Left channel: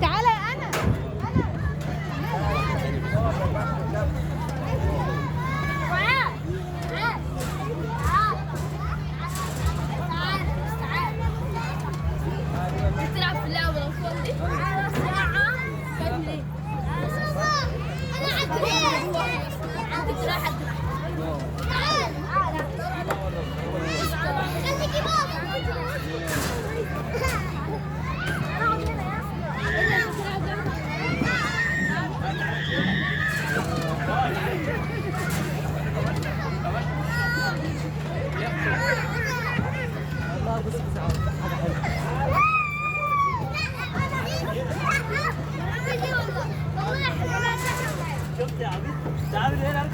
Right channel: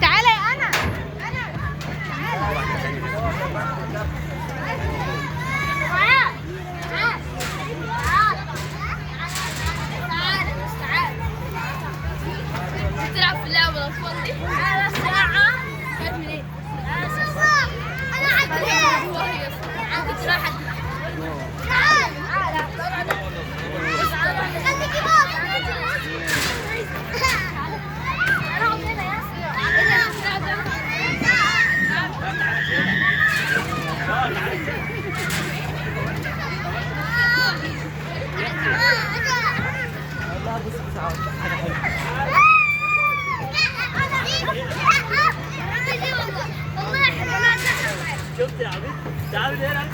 تعالى يا انا. تلعب في اللعبة الأطفال دي؟ تعالى ساعة. أنا عندي راحة. شفت يا عبيد؟ تعالوا هنا.